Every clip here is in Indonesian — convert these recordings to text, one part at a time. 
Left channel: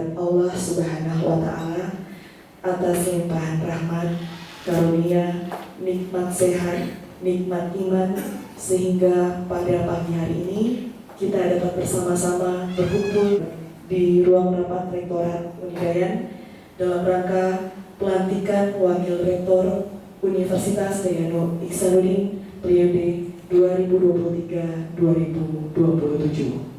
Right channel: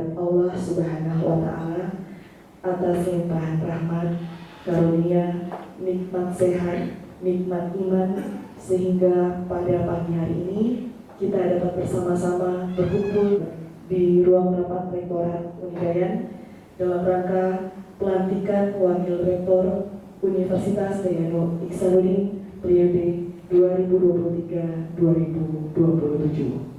kehadirat Allah Subhanahu wa Ta'ala atas limpahan rahmat, karunia, nikmat sehat, nikmat iman, sehingga pada pagi hari ini kita dapat bersama-sama berkumpul di ruang rapat Rektorat Unidayan dalam rangka pelantikan Wakil Rektor Universitas Dayanu Iksanuddin periode 2023-2027.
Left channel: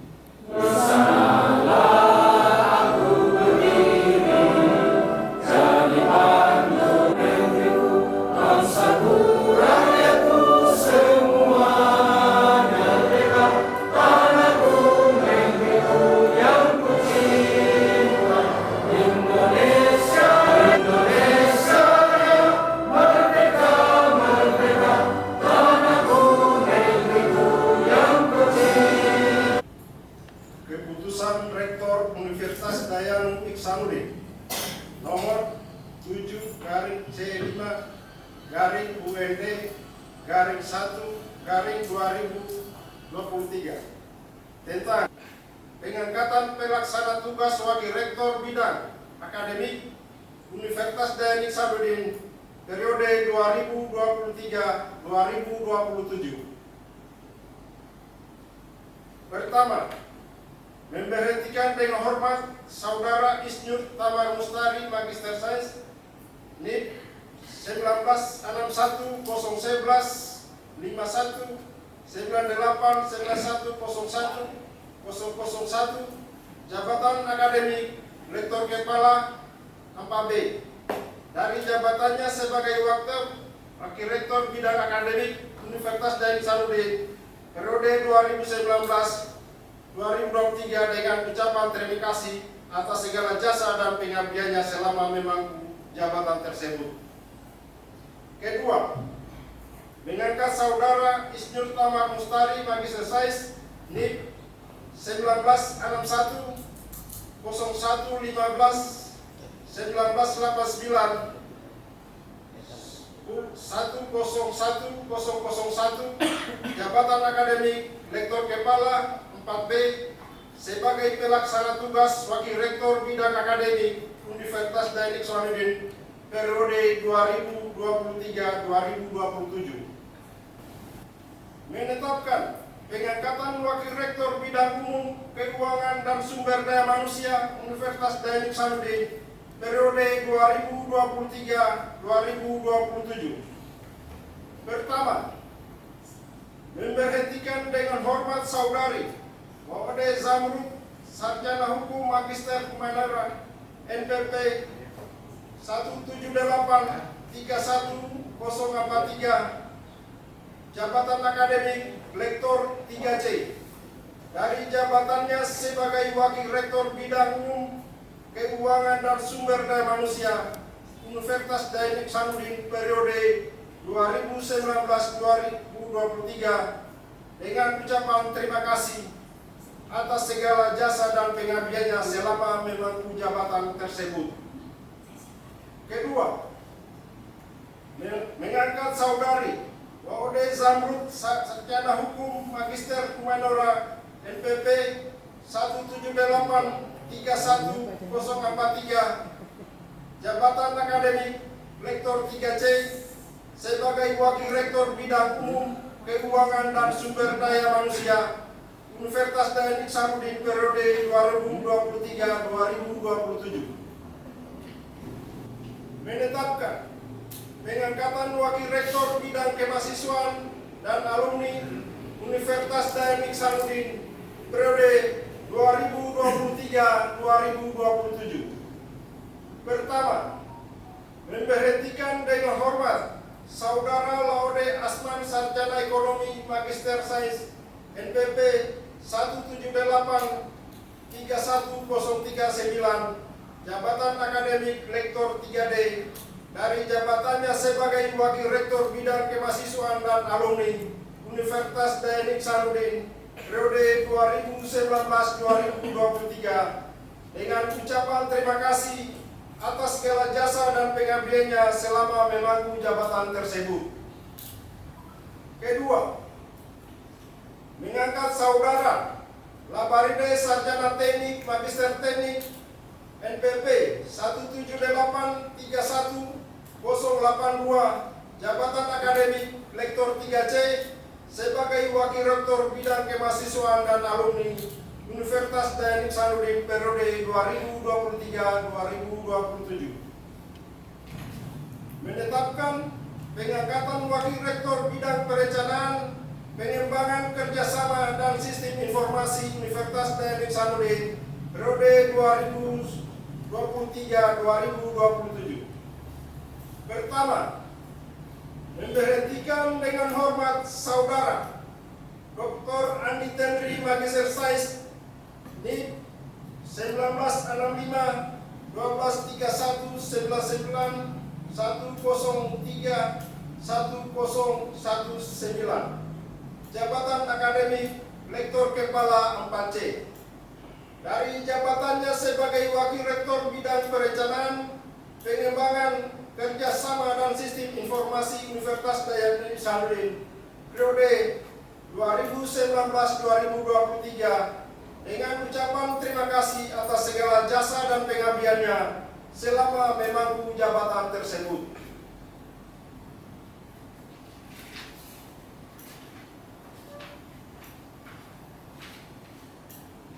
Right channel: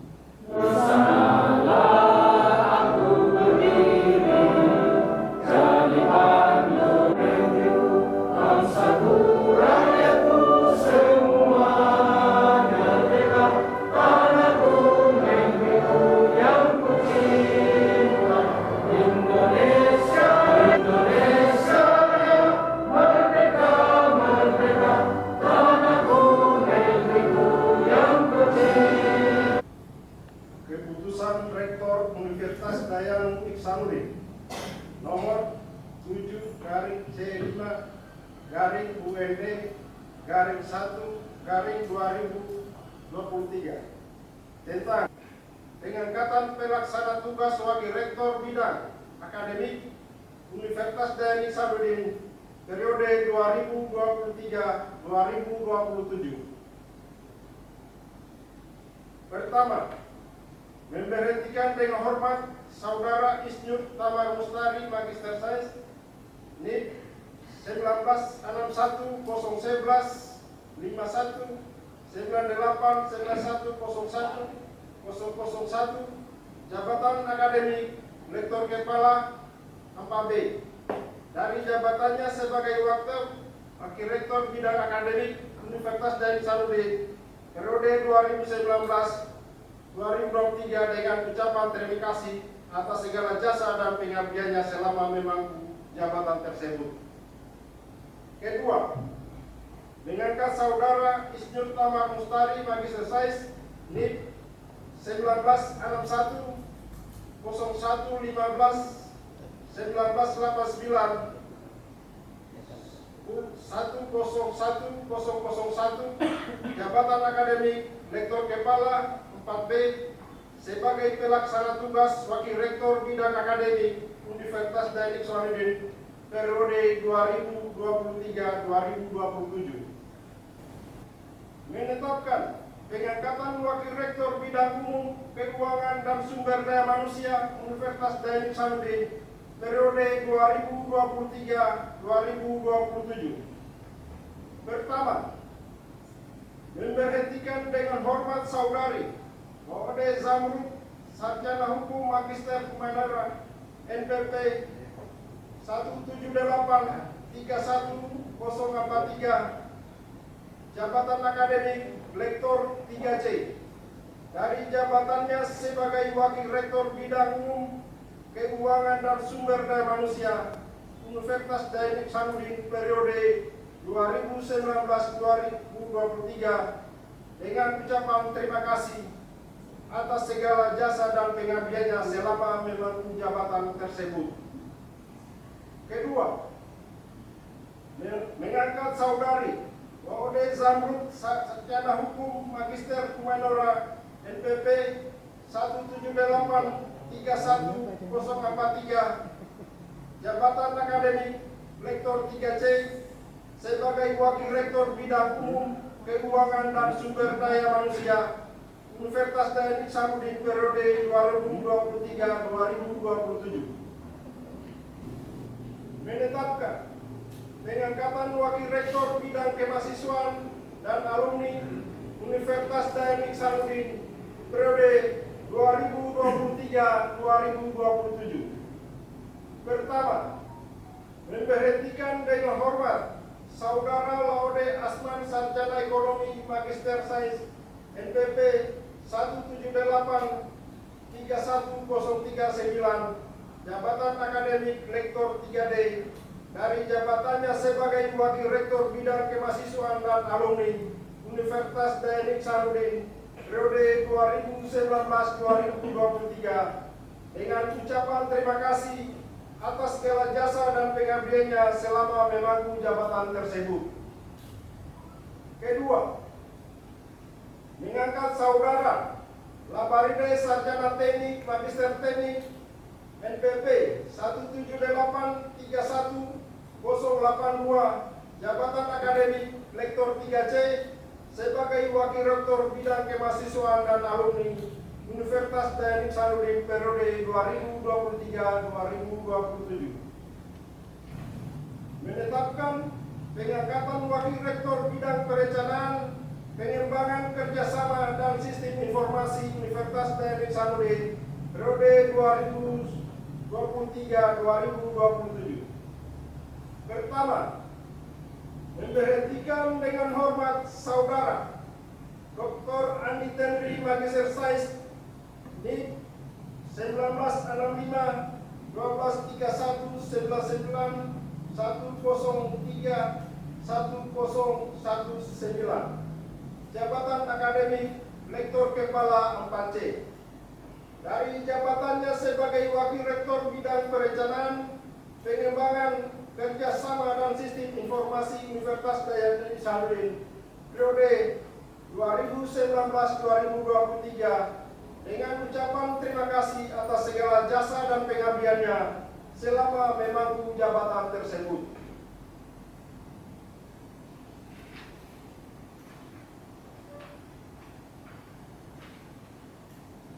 Keputusan Rektor Universitas Dayanu Iksanuddin nomor 7-C-UND-1-2023 tentang pengangkatan pelaksana tugas Wakil Rektor Bidang Akademik Universitas Dayanu Iksanuddin periode 2023-2027. Pertama, memberhentikan dengan hormat Saudara Isnyur Tamar Mustari, Magister Sains, NIP 1961 011 51 98 91 01 001, jabatan akademik Rektor Kepala 4B, dari jabatannya sebagai Wakil Rektor Bidang Akademik Universitas Dayanu Iksanuddin periode 2019-2023 dengan ucapan terima kasih atas segala jasa dan pengabdiannya selama memangku jabatan tersebut. Kedua, mengangkat Saudara Isnyur Tamar Mustari, Magister Sains, NIP 1961 01 15 1989 101 jabatan akademik Rektor Kepala 4B sebagai pelaksana tugas Wakil Rektor Bidang Akademik Universitas Dayanu Iksanuddin periode 2023-2027. Menetapkan pengangkatan Wakil Rektor Bidang Umum, Keuangan dan Sumber Daya Manusia Universitas Dayanu Iksanuddin periode 2023-2027. Pertama, memberhentikan dengan hormat Saudari Wawade Zamrud, Sarjana Hukum Magister Humanara, NPP 178-31043, jabatan akademik Lektor 3C, dari jabatannya sebagai Wakil Rektor Bidang Umum, Keuangan dan Sumber Daya Manusia Universitas Dayanu Iksanuddin periode 2019-2023 dengan ucapan terima kasih atas segala jasa dan pengabdiannya selama memangku jabatan tersebut. Kedua, mengangkat Saudari Wawade Zamrud, Sarjana Hukum Magister Humanora, NPP 178-31043, jabatan akademik Lektor 3C sebagai Wakil Rektor Bidang Umum, Keuangan dan Sumber Daya Manusia Universitas Dayanu Iksanuddin periode 2023-2027. Menetapkan pengangkatan Wakil Rektor Bidang Kemahasiswaan dan Alumni Universitas Dayanu Iksanuddin periode 2023-2027. Pertama, memberhentikan dengan hormat Saudara Laude Asman, Sarjana Ekonomi Magister Sains, NPP 178-31039, jabatan akademik Lektor 3D, dari jabatannya sebagai Wakil Rektor Bidang Kemahasiswaan dan Alumni Universitas Dayanu Iksanuddin periode 2019-2023 dengan ucapan terima kasih atas segala jasa dan pengabdiannya selama memangku jabatan tersebut. Kedua, mengangkat Saudara Labaride Sarjana Teknik Magister Teknik NPP 17831-082 jabatan akademik Lektor 3C sebagai Wakil Rektor Bidang Kemahasiswaan dan Alumni Universitas Dayan Ihsanuddin periode 2023-2027. Menetapkan pengangkatan Wakil Rektor Bidang Perencanaan, Pengembangan Kerjasama dan Sistem Informasi Universitas Dayan Ihsanuddin periode 2023-2027. Pertama, memberhentikan dengan hormat Saudara Dr. Andi Tenri Magister Sains NIP 1965 1231 119 103 1019 jabatan akademik Lektor Kepala 4C dari jabatannya sebagai Wakil Rektor Bidang Perencanaan, Pengembangan Kerjasama dan Sistem Informasi Universitas Dayan Ihsanuddin periode 2019-2023 dengan ucapan terima kasih atas segala jasa dan pengabdiannya selama memangku jabatan tersebut.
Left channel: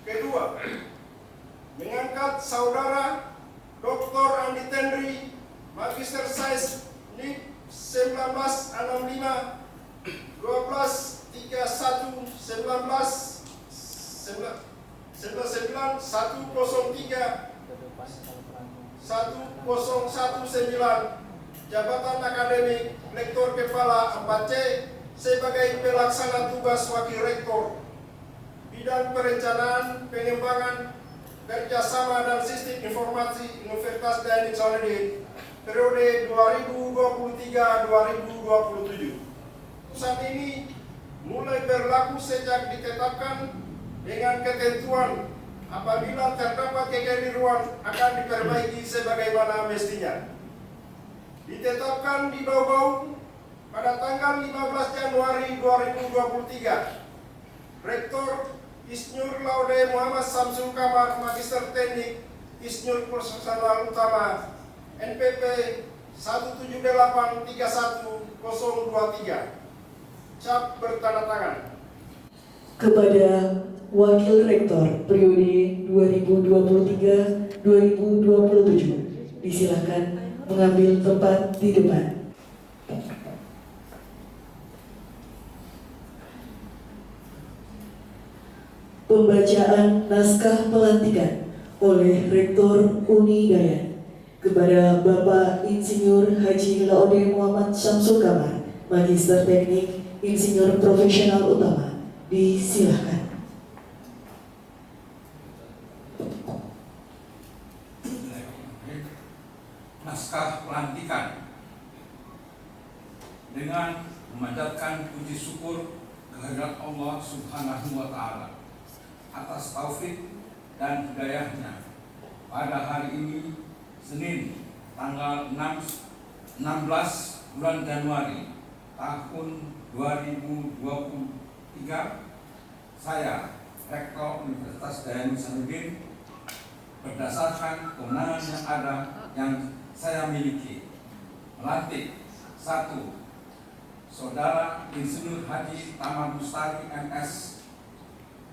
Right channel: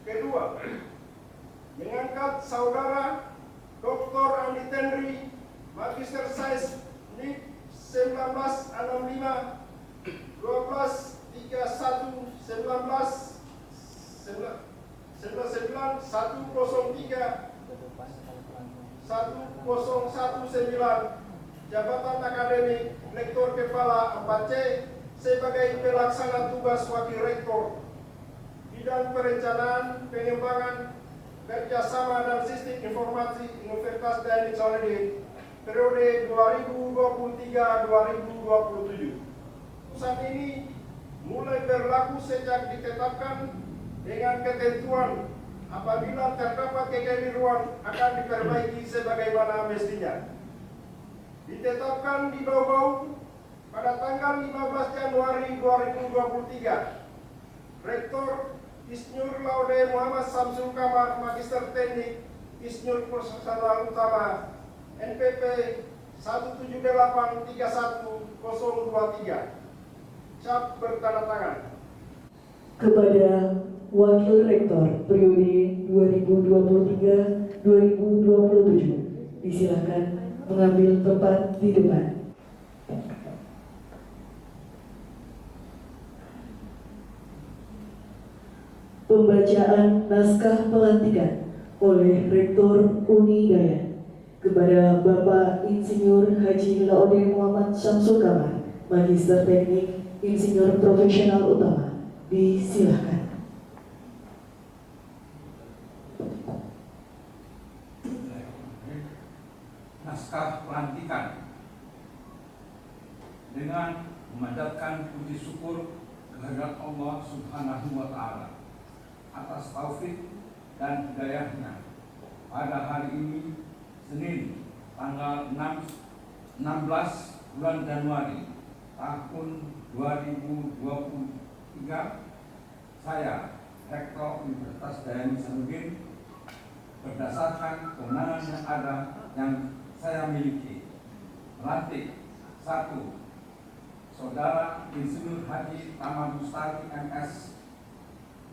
Kedua, mengangkat Saudara Dr. Andi Tenri Magister Sains NIP 1965 1231 103 1019 jabatan akademik Lektor Kepala 4C sebagai pelaksana tugas Wakil Rektor Bidang Perencanaan, Pengembangan Kerjasama dan Sistem Informasi Universitas Dayan Ihsanuddin periode 2023-2027. Putusan ini mulai berlaku sejak ditetapkan dengan ketentuan apabila terdapat kekeliruan akan diperbaiki sebagaimana mestinya. Ditetapkan di Dobau pada tanggal 15 Januari 2023. Rektor Insinyur Laude Muhammad Samsul Kamar Magister Teknik Insinyur Personal Utama NPP 17831-023 cap bertanda tangan. Kepada Wakil Rektor periode 2023-2027 disilakan mengambil tempat di depan. Pembacaan naskah pelantikan oleh Rektor Uni Dayan kepada Bapak Insinyur Haji Laude Muhammad Samsul Kamar Magister Teknik Insinyur Profesional Utama, disilakan. Naskah pelantikan dengan memanjatkan puji syukur kehadirat Allah Subhanahu wa Ta'ala atas taufik dan hidayahnya pada hari ini Senin tanggal 16 bulan Januari tahun 2023, saya Rektor Universitas Dayan Ihsanuddin berdasarkan kewenangan yang ada yang saya miliki melantik 1. Saudara Insinyur Haji Taman Mustari MS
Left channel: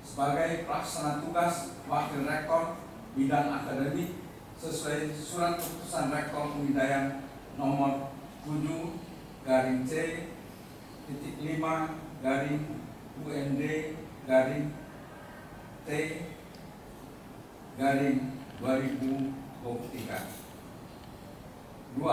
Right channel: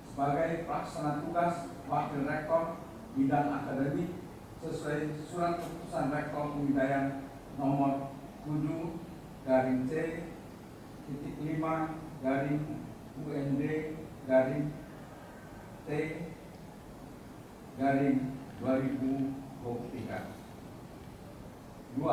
sebagai pelaksana tugas Wakil Rektor Bidang Akademik sesuai Surat Keputusan Rektor Uni Dayan nomor 7-5-UND-T-2023. 2.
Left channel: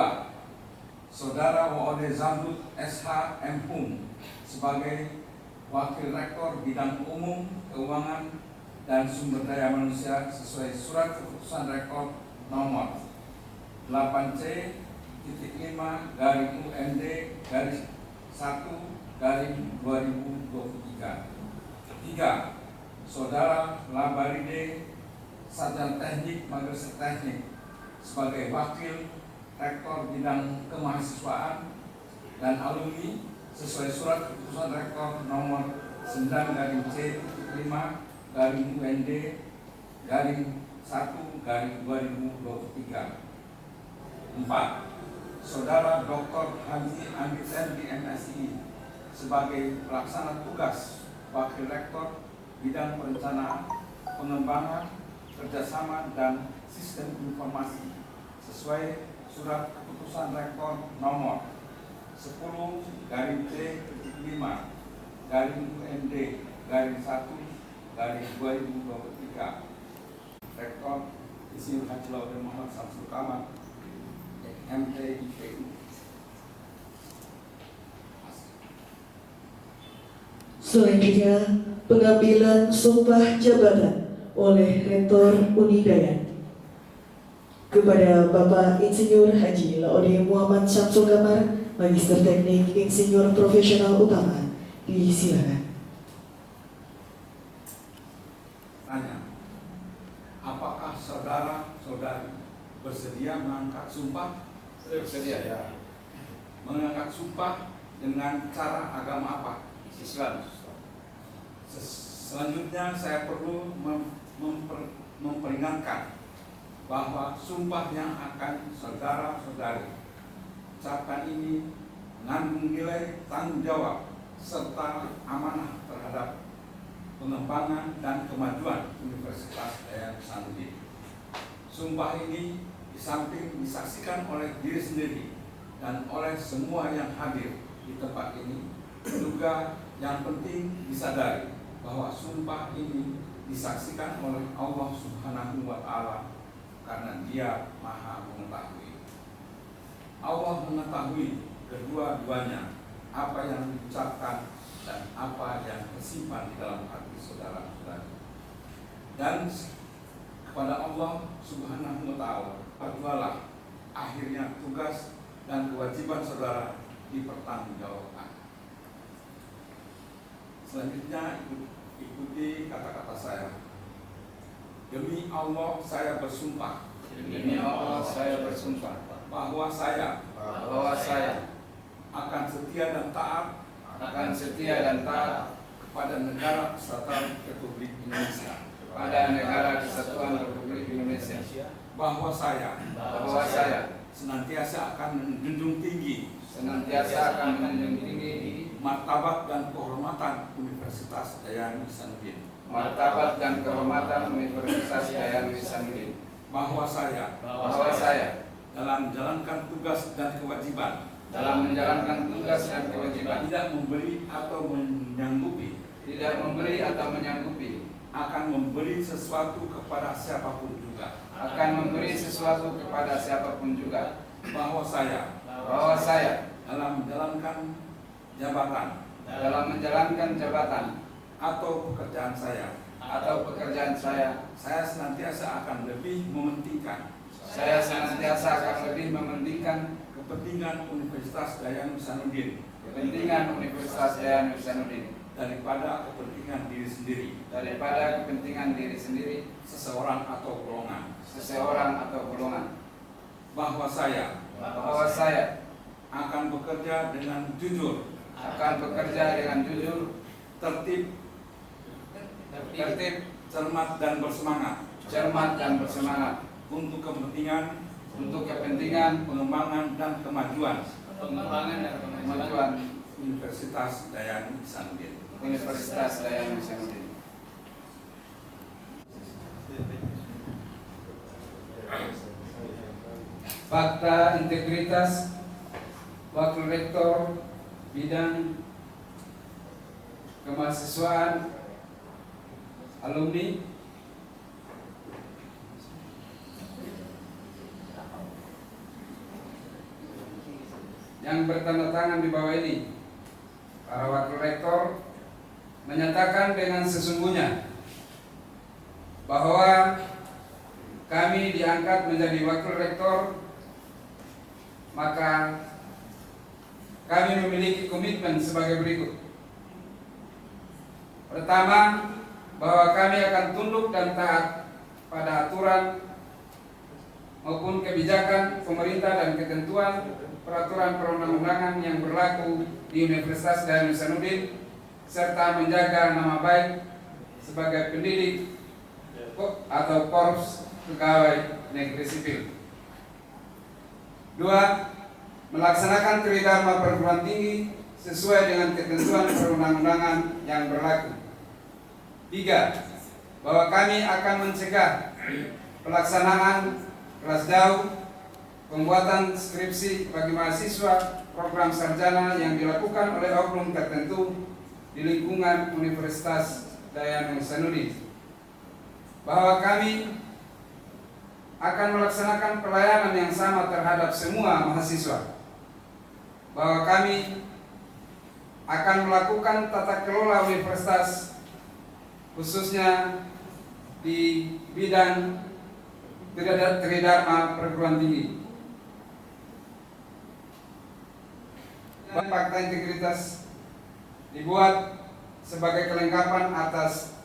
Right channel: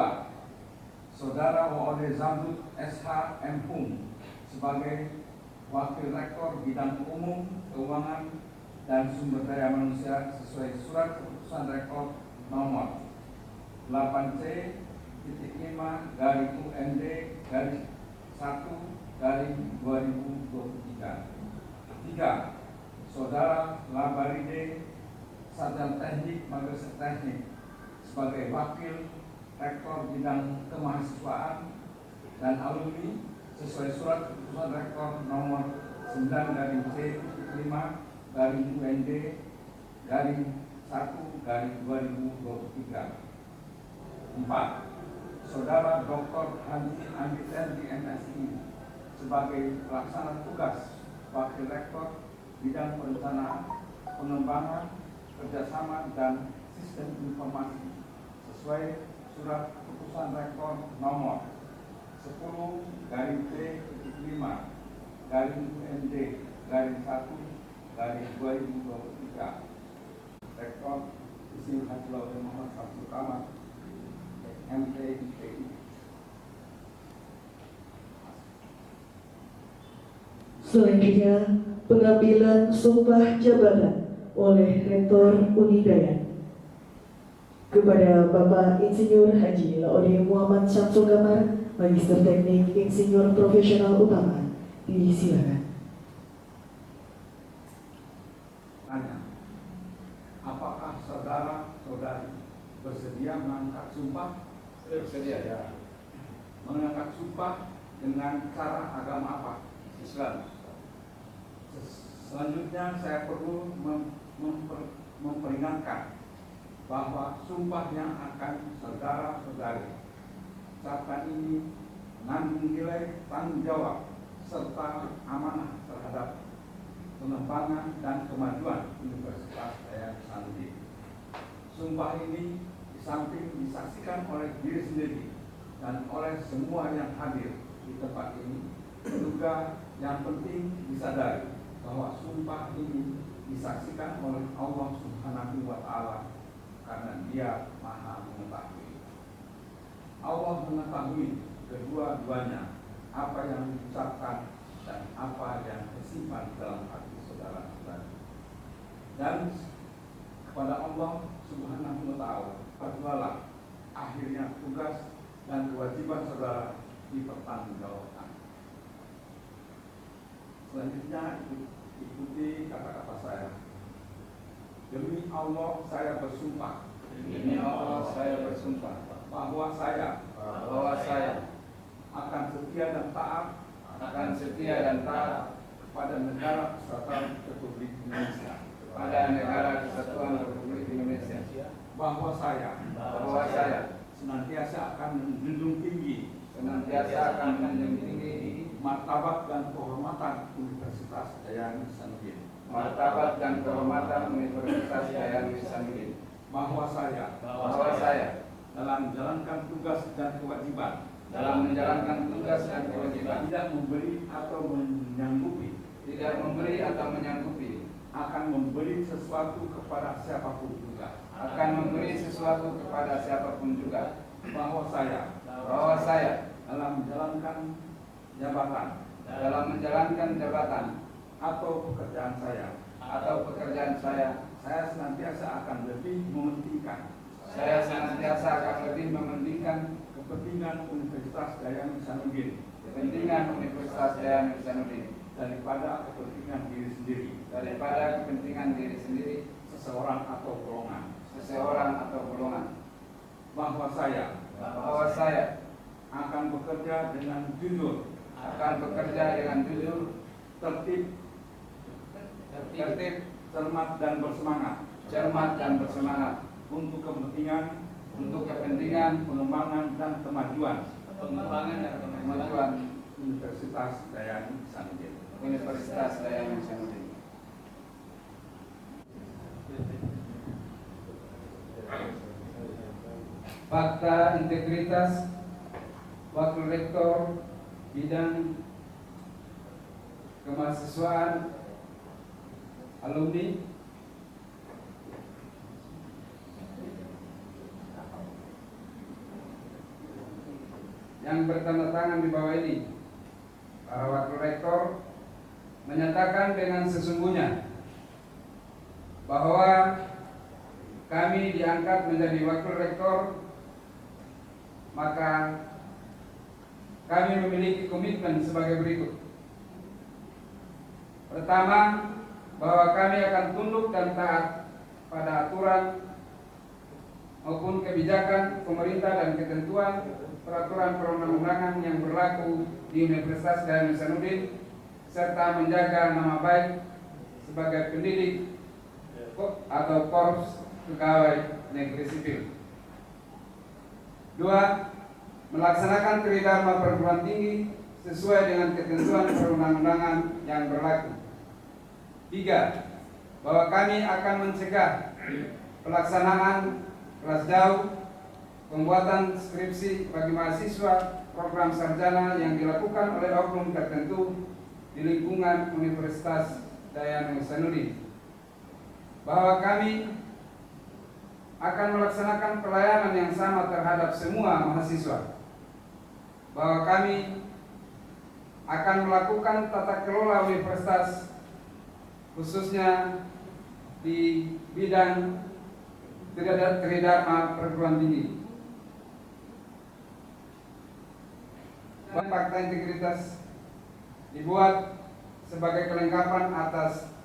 Saudara WOD Zamrud SH M. Hum sebagai Wakil Rektor Bidang Umum, Keuangan, dan Sumber Daya Manusia sesuai Surat Keputusan Rektor nomor 8C-UND-1-2023. 3. Saudara Labaride Sarjana Teknik Magister Teknik sebagai Wakil Rektor Bidang Kemahasiswaan dan Alumni sesuai Surat Keputusan Rektor nomor 9-C-5-UND-1-2023. 2023. 4. Saudara Dr. Haji Andi Sendi MSI sebagai pelaksana tugas Wakil Rektor Bidang Perencanaan, Pengembangan, Kerjasama, dan Sistem Informasi sesuai Surat Keputusan Rektor nomor 10/UND/1/2023. Rektor Insinyur Haji Laude Muhammad Samsul Kamar, MTIPU. Selanjutnya, pengambilan sumpah jabatan oleh Rektor Unidaya. Kepada Bapak Insinyur Haji Laude Muhammad Samsul Kamar, Magister Teknik Insinyur Profesional Utama, disilakan. Tanya, apakah saudara-saudari bersedia mengangkat sumpah? Bersedia ya. Mengangkat sumpah dengan cara agama apa? Islam. Selanjutnya saya perlu memperingatkan bahwa sumpah yang akan saudara-saudari ucapkan ini mengandung nilai tanggung jawab serta amanah terhadap pengembangan dan kemajuan Universitas Daya Hasanuddin. Sumpah ini di samping disaksikan oleh diri sendiri dan oleh semua yang hadir di tempat ini, juga yang penting disadari bahwa sumpah ini disaksikan oleh Allah Subhanahu wa Ta'ala karena Dia Maha Mengetahui. Allah mengetahui kedua-duanya, apa yang diucapkan dan apa yang tersimpan di dalam hati saudara-saudara. Dan kepada Allah Subhanahu wa Ta'ala berjualah akhirnya tugas dan kewajiban saudara dipertanggungjawabkan. Selanjutnya ikuti kata-kata saya. Demi Allah saya bersumpah. Demi Allah saya bersumpah Bahwa saya akan setia dan taat kepada negara Kesatuan Republik Indonesia. Bahwa saya senantiasa akan menjunjung tinggi martabat dan kehormatan Universitas Daya Hasanuddin. Bahwa saya dalam menjalankan tugas dan kewajiban tidak memberi atau menyanggupi akan memberi sesuatu kepada siapapun juga. Bahwa saya dalam menjalankan jabatan atau pekerjaan saya senantiasa akan lebih mementingkan kepentingan Universitas Daya Hasanuddin daripada kepentingan diri sendiri, seseorang atau golongan. Bahwa saya akan bekerja dengan jujur, tertib, cermat dan bersemangat untuk kepentingan pengembangan dan kemajuan Universitas Daya Hasanuddin. Fakta integritas Wakil Rektor Bidang Kemahasiswaan Alumni yang bertanda tangan di bawah ini. Para Wakil Rektor menyatakan dengan sesungguhnya bahwa kami diangkat menjadi Wakil Rektor, maka kami memiliki komitmen sebagai berikut. Pertama, bahwa kami akan tunduk dan taat pada aturan maupun kebijakan pemerintah dan ketentuan peraturan perundang-undangan yang berlaku di Universitas Daya Hasanuddin, serta menjaga nama baik sebagai pendidik atau korps pegawai negeri sipil. 2. Melaksanakan tridharma perguruan tinggi sesuai dengan ketentuan perundang-undangan yang berlaku. 3. Bahwa kami akan mencegah pelaksanaan kelas jauh, pembuatan skripsi bagi mahasiswa program sarjana yang dilakukan oleh oknum tertentu di lingkungan Universitas Dayan Hasanuddin. Bahwa kami akan melaksanakan pelayanan yang sama terhadap semua mahasiswa. Bahwa kami akan melakukan tata kelola universitas khususnya di bidang tridharma perguruan tinggi. Fakta integritas dibuat sebagai kelengkapan atas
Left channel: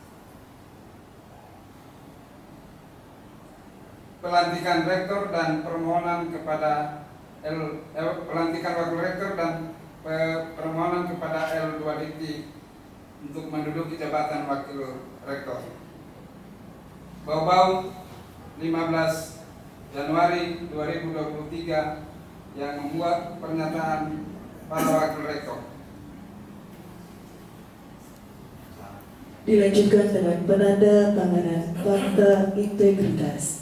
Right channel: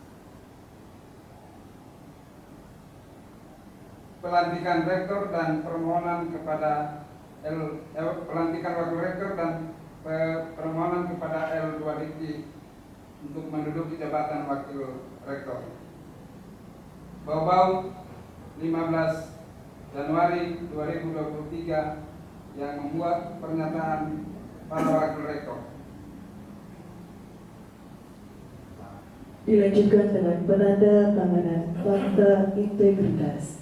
pelantikan rektor dan permohonan kepada pelantikan wakil rektor dan permohonan kepada L2 Dikti untuk menduduki jabatan wakil rektor. Bau-bau 15 Januari 2023 yang membuat pernyataan para wakil rektor. Dilanjutkan dengan penanda tanganan fakta integritas.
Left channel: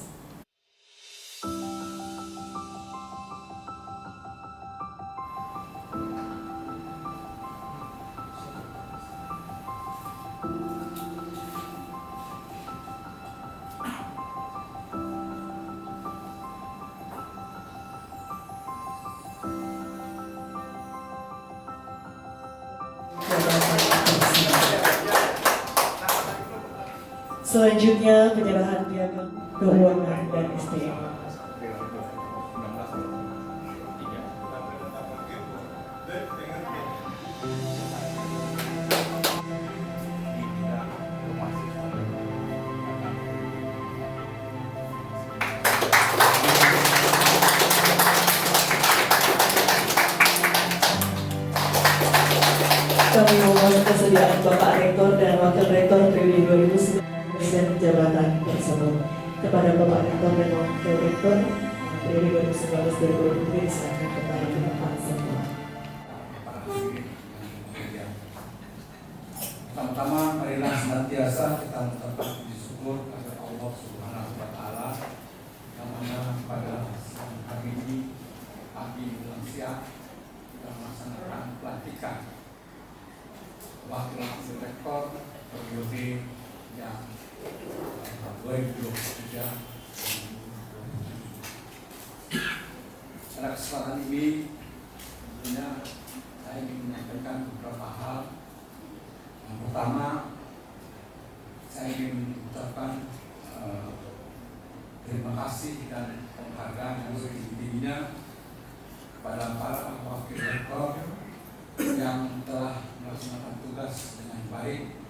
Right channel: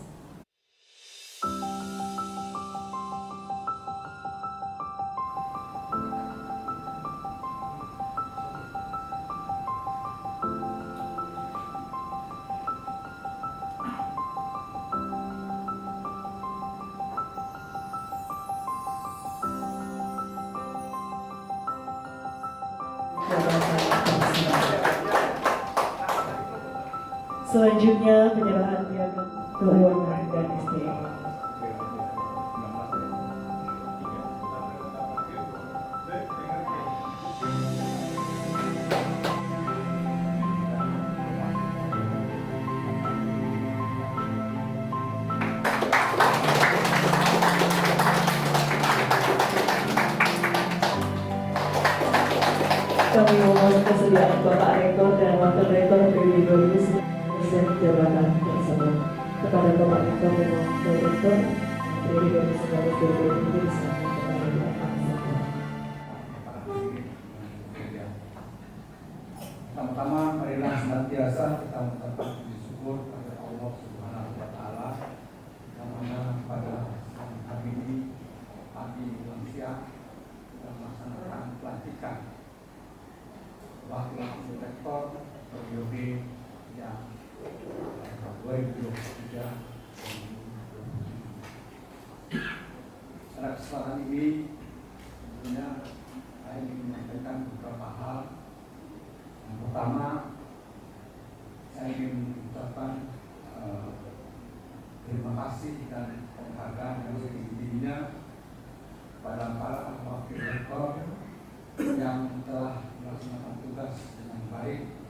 Selanjutnya penyerahan piagam keuangan dan SDM. Kami memohon kesediaan Bapak Rektor dan Wakil Rektor periode 2019 jabatan tersebut. Kepada Bapak Rektor dan Wakil Rektor periode 2019-2020 diserahkan kepada Bapak semua. Pertama-tama marilah senantiasa kita mengucapkan puji syukur kepada Allah Subhanahu wa taala yang mana pada siang hari ini pagi menjelang siang kita melaksanakan pelantikan wakil rektor periode yang 2023. Pada kesempatan ini tentunya saya ingin menyampaikan beberapa hal. Yang pertama, saya ingin mengucapkan terima kasih dan penghargaan yang setinggi-tingginya kepada para wakil rektor yang telah melaksanakan tugas dengan baik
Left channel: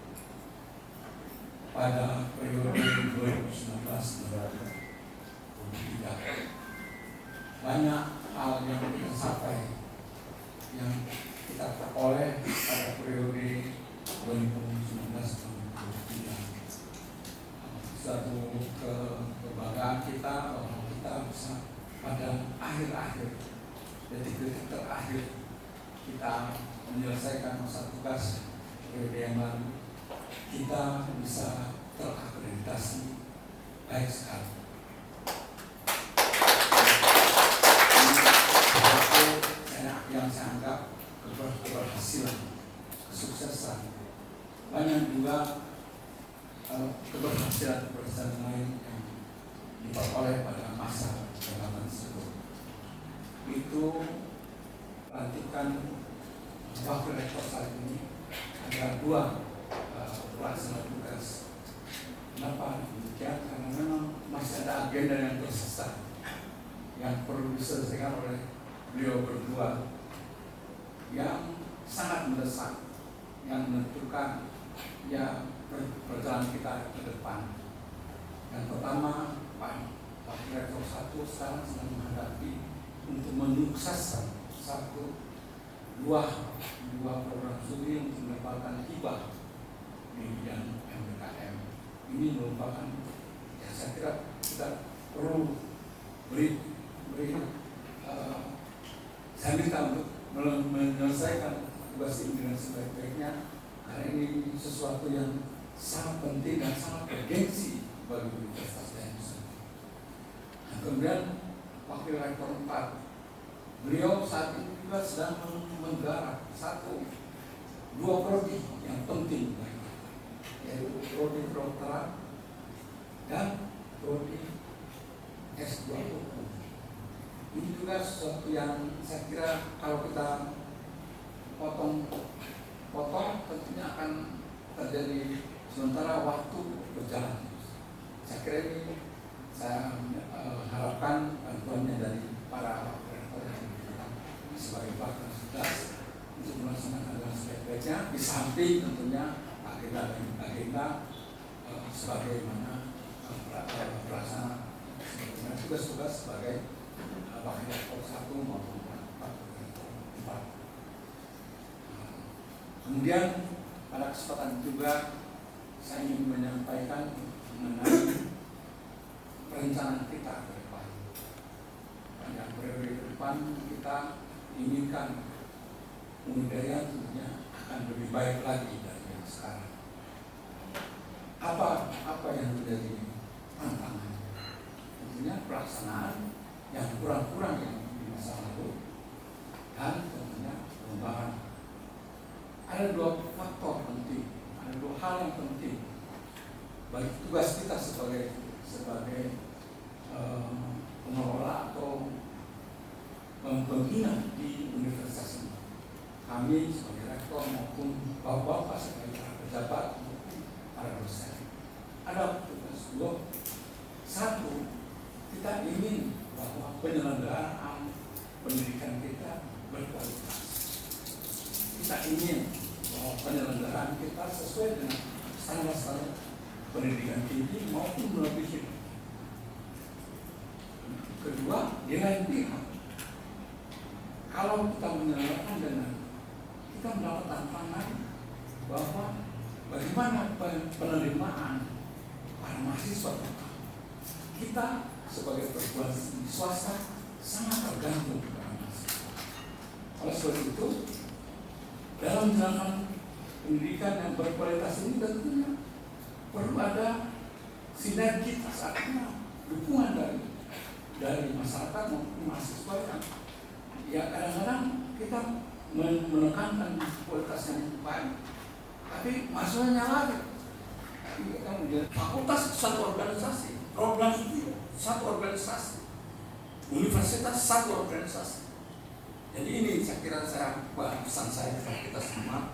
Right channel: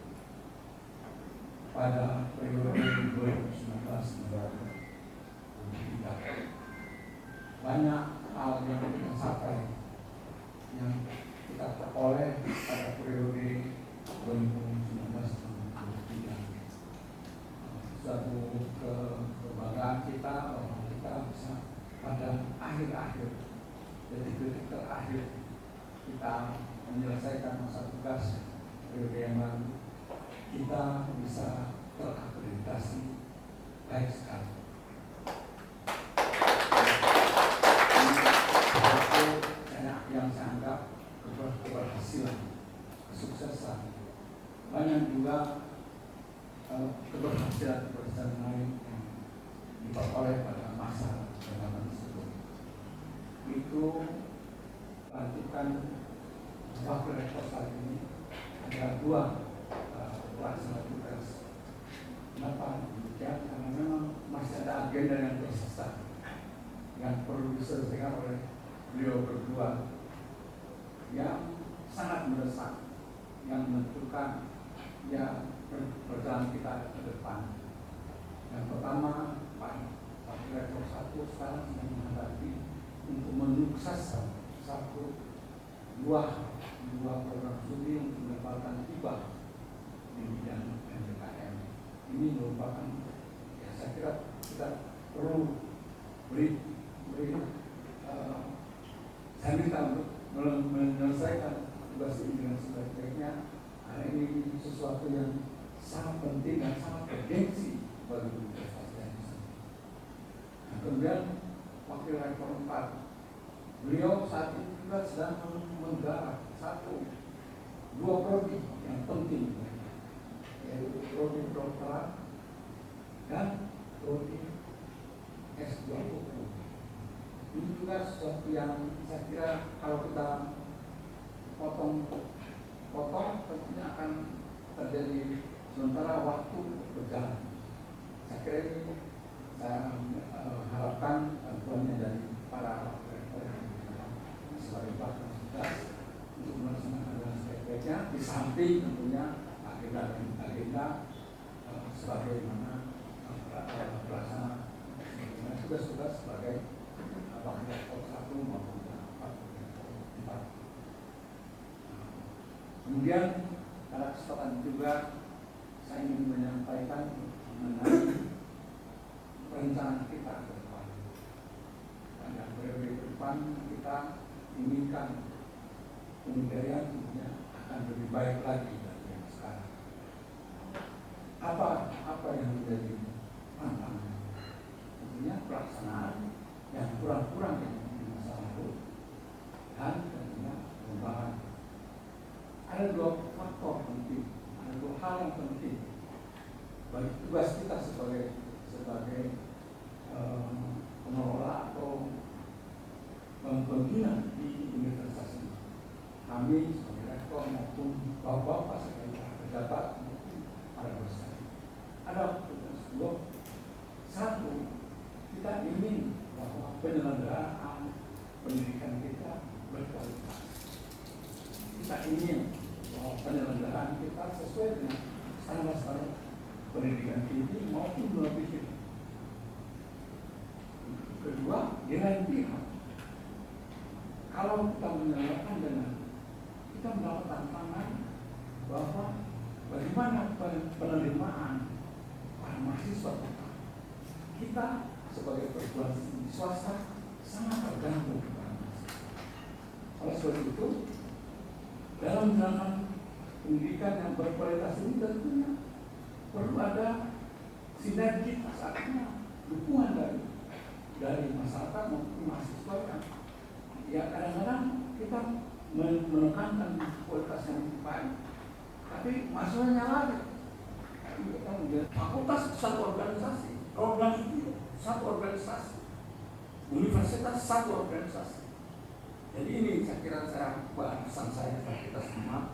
pada periode 2019-2023. Banyak hal yang kita capai, yang kita peroleh pada periode 2019-2023. Satu kebanggaan kita bahwa kita bisa pada akhir-akhir, detik-detik terakhir kita menyelesaikan masa tugas periode yang lalu, kita bisa terakreditasi baik sekali. Yang saya anggap keberhasilan, kesuksesan. Banyak juga keberhasilan lain yang diperoleh pada masa jabatan tersebut. Itu pelantikan wakil rektor saat ini ada 2 pelaksana tugas. Kenapa demikian? Karena memang masih ada agenda yang tersisa yang perlu diselesaikan oleh beliau berdua, yang sangat mendesak, yang menentukan ya perjalanan kita ke depan. Yang pertama, Pak Wakil Rektor 1 sekarang sedang menghadapi untuk menyukseskan dua program studi untuk mendapatkan hibah di bidang MBKM. Ini merupakan, ya saya kira kita perlu saya minta untuk menyelesaikan tugas ini dengan sebaik-baiknya, karena ini sesuatu yang sangat penting dan sangat bergengsi bagi Universitas Daya Nusantara. Dan kemudian Wakil Rektor 4, beliau saat ini juga sedang menggarap dua prodi yang penting, yaitu prodi kedokteran dan prodi S2 hukum. Ini juga sesuatu yang saya kira kalau kita potong tentunya akan terjadi sementara waktu berjalan. Saya kira ini saya harapkan bantuannya dari para rektor yang sebagai pakar tugas untuk melaksanakan dengan sebaik-baiknya, di samping tentunya agenda sebagaimana pelaksana tugas-tugas sebagai wakil rektor 1 maupun wakil rektor 4. Kemudian pada kesempatan juga saya ingin menyampaikan mengenai perencanaan kita ke depan. Pada periode ke depan kita inginkan Unidaya tentunya akan lebih baik lagi dari yang sekarang. Apa yang menjadi tantangan? Tentunya pelaksanaan yang kurang-kurang yang di masa lalu, dan tentunya pengembangan. Ada dua faktor penting, ada dua hal yang penting bagi tugas kita sebagai pengelola atau pembina di universitas ini. Kami sebagai rektor maupun bapak-bapak sebagai pejabat maupun para dosen, ada tugas dua. Satu, kita ingin bahwa penyelenggaraan pendidikan kita berkualitas. Kita ingin bahwa penyelenggaraan kita sesuai dengan standar-standar pendidikan tinggi maupun melebihi. Kedua, di lain pihak, kalau kita menyelenggarakan dengan kita mendapat tantangan bahwa bagaimana penerimaan para mahasiswa kita sebagai perguruan tinggi swasta sangat tergantung pada mahasiswa. Oleh sebab itu, dalam menjalankan pendidikan yang berkualitas ini tentunya perlu ada sinergitas, artinya dukungan dari masyarakat maupun mahasiswa yang kadang-kadang kita menekankan kualitas yang baik, tapi masalahnya lagi fakultas satu organisasi, program studi satu organisasi, universitas satu organisasi. Jadi ini saya kira pesan saya kepada kita semua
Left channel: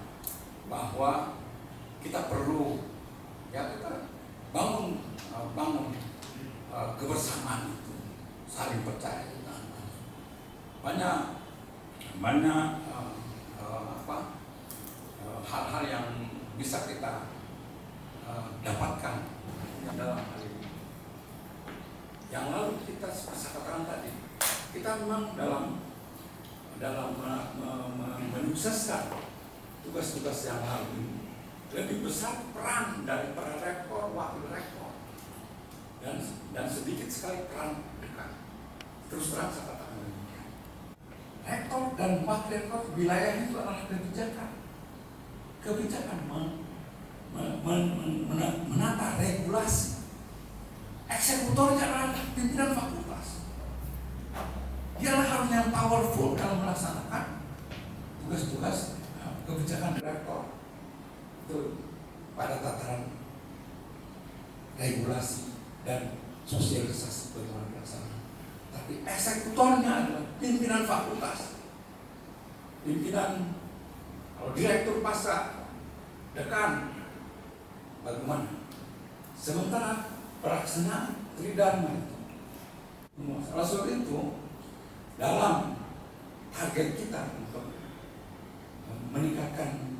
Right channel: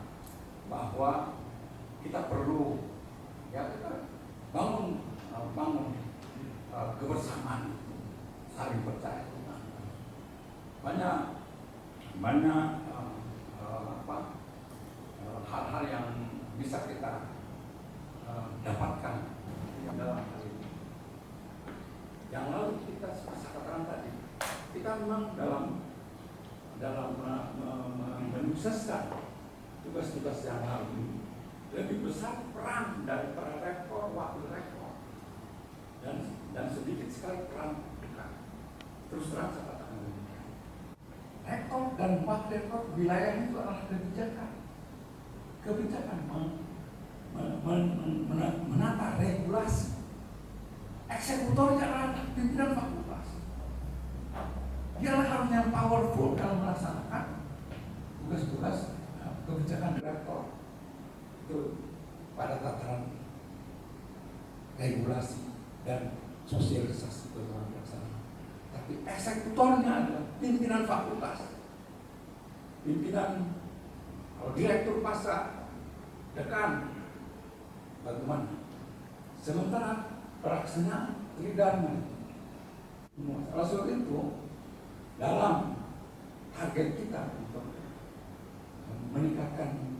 bahwa kita perlu kita bangun kebersamaan itu, saling percaya. Banyak hal-hal yang bisa kita dapatkan dalam hal ini. Yang lalu kita bisa katakan tadi, kita memang dalam menyukseskan tugas-tugas yang lalu ini lebih besar peran dari para rektor, wakil rektor, dan sedikit sekali peran dekan. Terus terang saya katakan demikian. Rektor dan wakil rektor wilayah itu adalah kebijakan menata regulasi. Eksekutornya adalah pimpinan fakultas. Dialah harus yang powerful dalam melaksanakan tugas-tugas kebijakan rektor itu pada tataran regulasi dan sosialisasi bagaimana pelaksanaan. Tapi eksekutornya adalah pimpinan fakultas, pimpinan direktur pasca, dekan, bagaimana. Sementara pelaksanaan tridharma itu. Oleh sebab itu, dalam target kita untuk meningkatkan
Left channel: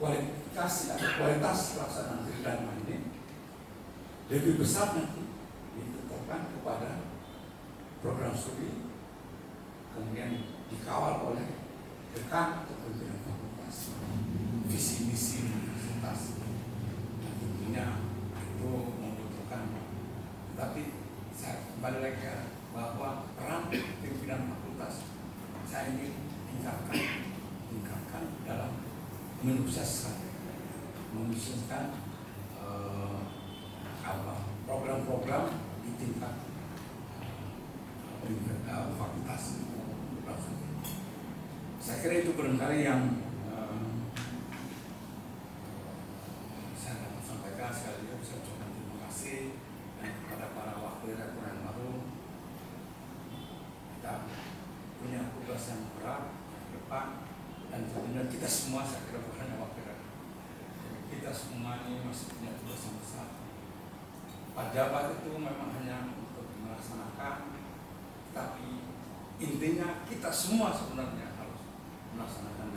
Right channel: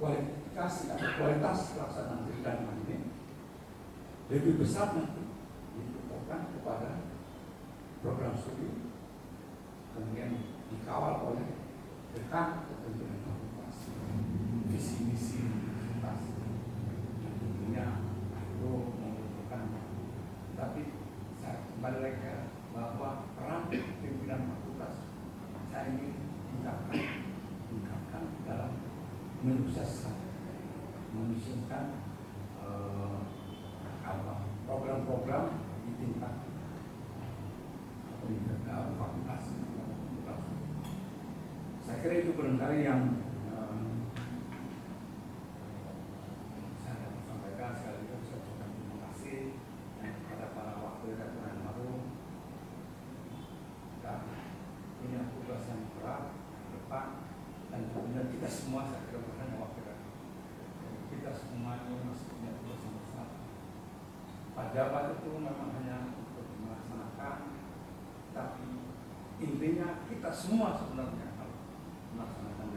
kualifikasi atau kualitas pelaksanaan tridharma ini lebih besar nanti ditetapkan kepada program studi, kemudian dikawal oleh dekan atau pimpinan fakultas, visi misi universitas. Tentunya itu membutuhkan, tapi menyukseskan program-program di tingkat fakultas. Saya kira itu barangkali yang saya dapat sampaikan. Sekali lagi saya ucapkan terima kasih dan kepada para wakil rektor yang baru. Kita punya tugas yang berat ke depan dan tentunya kita semua, saya kira bukan hanya wakil rektor, kita semua ini masih punya tugas yang besar. Pejabat itu memang hanya untuk melaksanakan, tapi intinya kita semua sebenarnya harus melaksanakan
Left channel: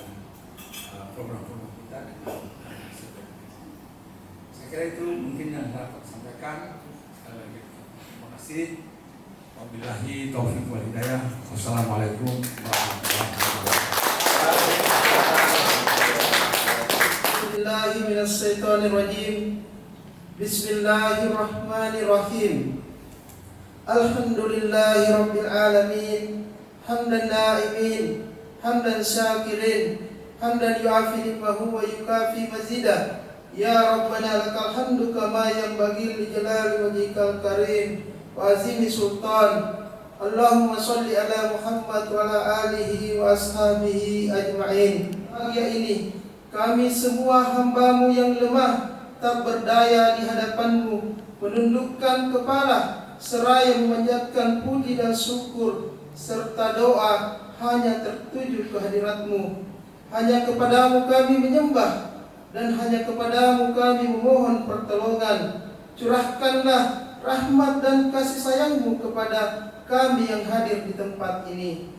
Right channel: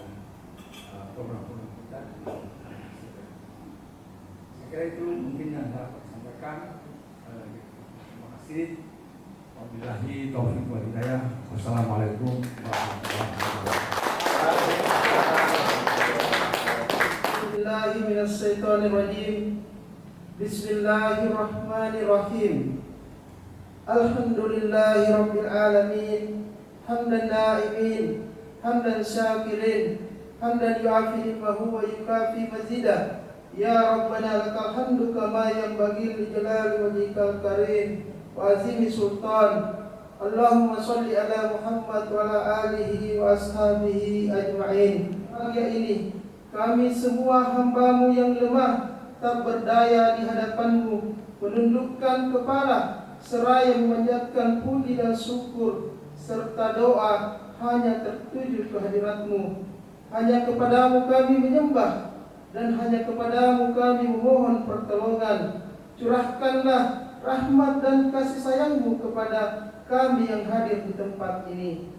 program-program kita dengan sebaik. Saya kira itu mungkin yang dapat sampaikan. Sekali lagi terima kasih. Wabillahi taufiq wal hidayah. Wassalamualaikum warahmatullahi wabarakatuh. Bismillahirrahmanirrahim. Bismillahirrahmanirrahim. Alhamdulillahi rabbil alamin. Hamdan na'imin, hamdan syakirin, hamdan yu'afi ni'mahu wa yukafi mazidah. Ya Rabbana lakal hamdu kama yanbaghi li jalali wajhikal karim wa azimi sultan. Allahumma sholli ala Muhammad wa ala alihi wa ashabihi ajma'in. Pagi ini kami semua hamba-Mu yang lemah, tak berdaya di hadapan-Mu, menundukkan kepala seraya memanjatkan puji dan syukur serta doa hanya tertuju ke hadirat-Mu. Hanya kepadamu kami menyembah dan hanya kepadamu kami memohon pertolongan. Curahkanlah rahmat dan kasih sayang-Mu kepada kami yang hadir di tempat ini.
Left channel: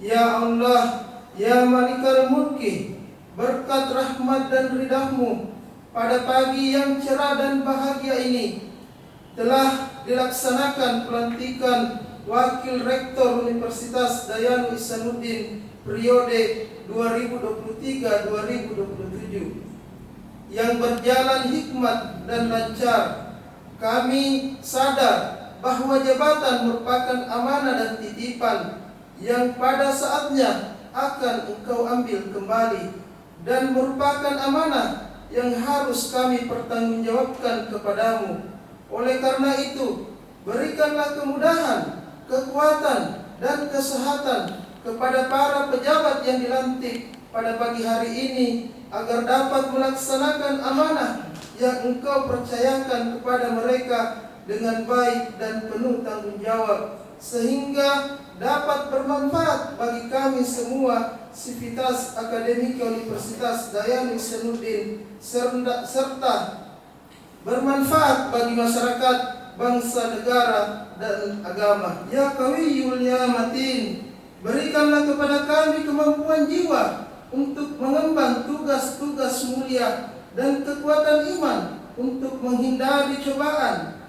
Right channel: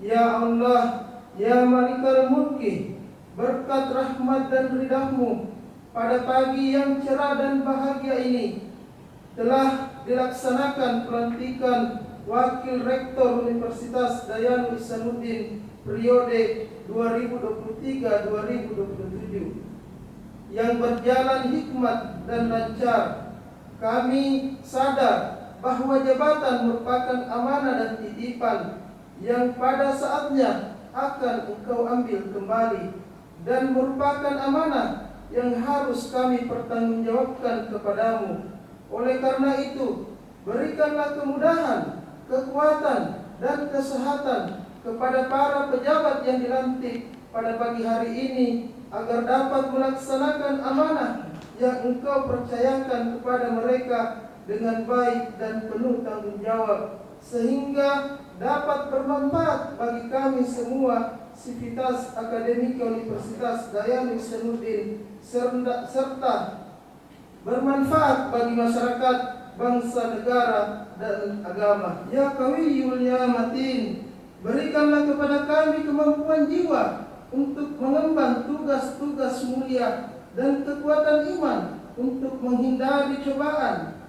Ya Allah, ya Malikal Mulki, berkat rahmat dan ridha-Mu pada pagi yang cerah dan bahagia ini telah dilaksanakan pelantikan Wakil Rektor Universitas Dayanu Ihsanuddin periode 2023-2027 yang berjalan hikmat dan lancar. Kami sadar bahwa jabatan merupakan amanah dan titipan yang pada saatnya akan Engkau ambil kembali dan merupakan amanah yang harus kami pertanggungjawabkan kepadamu. Oleh karena itu, berikanlah kemudahan, kekuatan, dan kesehatan kepada para pejabat yang dilantik pada pagi hari ini agar dapat melaksanakan amanah yang Engkau percayakan kepada mereka dengan baik dan penuh tanggung jawab, sehingga dapat bermanfaat bagi kami semua, Sivitas Akademika Universitas Dayanu Ihsanuddin, serta bermanfaat bagi masyarakat, bangsa, negara, dan agama. Ya Qawiyul ya Matin, berikanlah kepada kami kemampuan jiwa untuk mengemban tugas-tugas mulia dan kekuatan iman untuk menghindari cobaan.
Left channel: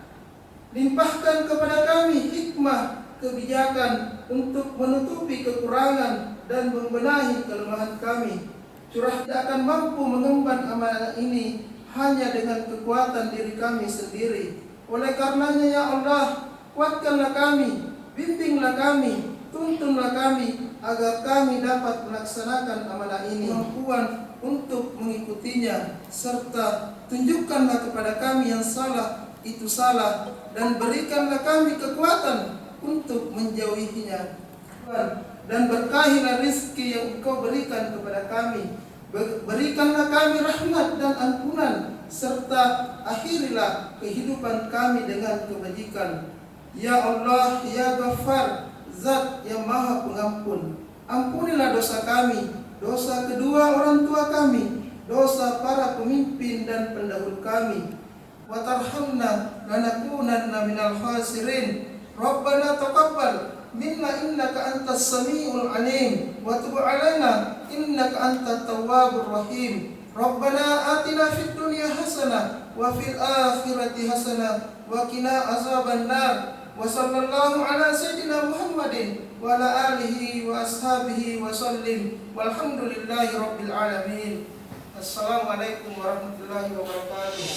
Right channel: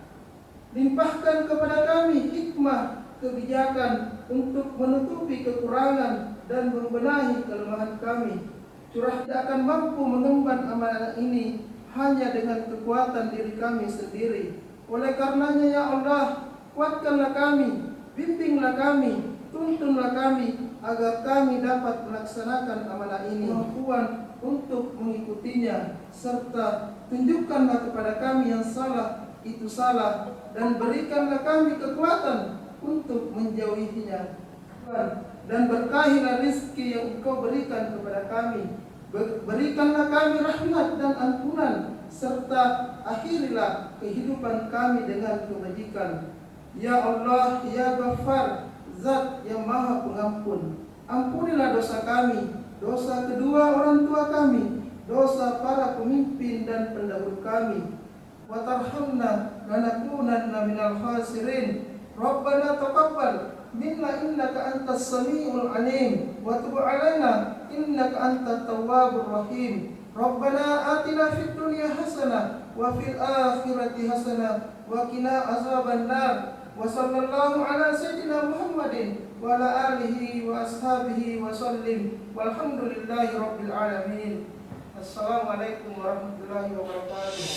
Limpahkan kepada kami hikmah kebijakan untuk menutupi kekurangan dan membenahi kelemahan kami. Curah tidak akan mampu mengemban amanah ini hanya dengan kekuatan diri kami sendiri. Oleh karenanya ya Allah, kuatkanlah kami, bimbinglah kami, tuntunlah kami agar kami dapat melaksanakan amanah ini, kemampuan untuk mengikutinya, serta tunjukkanlah kepada kami yang salah itu salah dan berikanlah kami kekuatan untuk menjauhinya. Dan berkahilah rezeki yang Engkau berikan kepada kami. Berikanlah kami rahmat dan ampunan, serta akhirilah kehidupan kami dengan kebajikan. Ya Allah, ya Ghaffar, Zat yang Maha Pengampun, ampunilah dosa kami, dosa kedua orang tua kami, dosa para pemimpin dan pendahulu kami. Wa tarhamna lanakunanna minal khasirin. Rabbana taqabbal minna innaka antas samiul alim wa tub alaina innaka antat tawwabur rahim. Rabbana atina fid dunya hasanah wa fil akhirati hasanah wa qina azabannar. Wa sallallahu ala sayyidina Muhammadin wa ala alihi wa ashabihi wa sallim. Walhamdulillahi rabbil alamin. Assalamualaikum warahmatullahi wabarakatuh.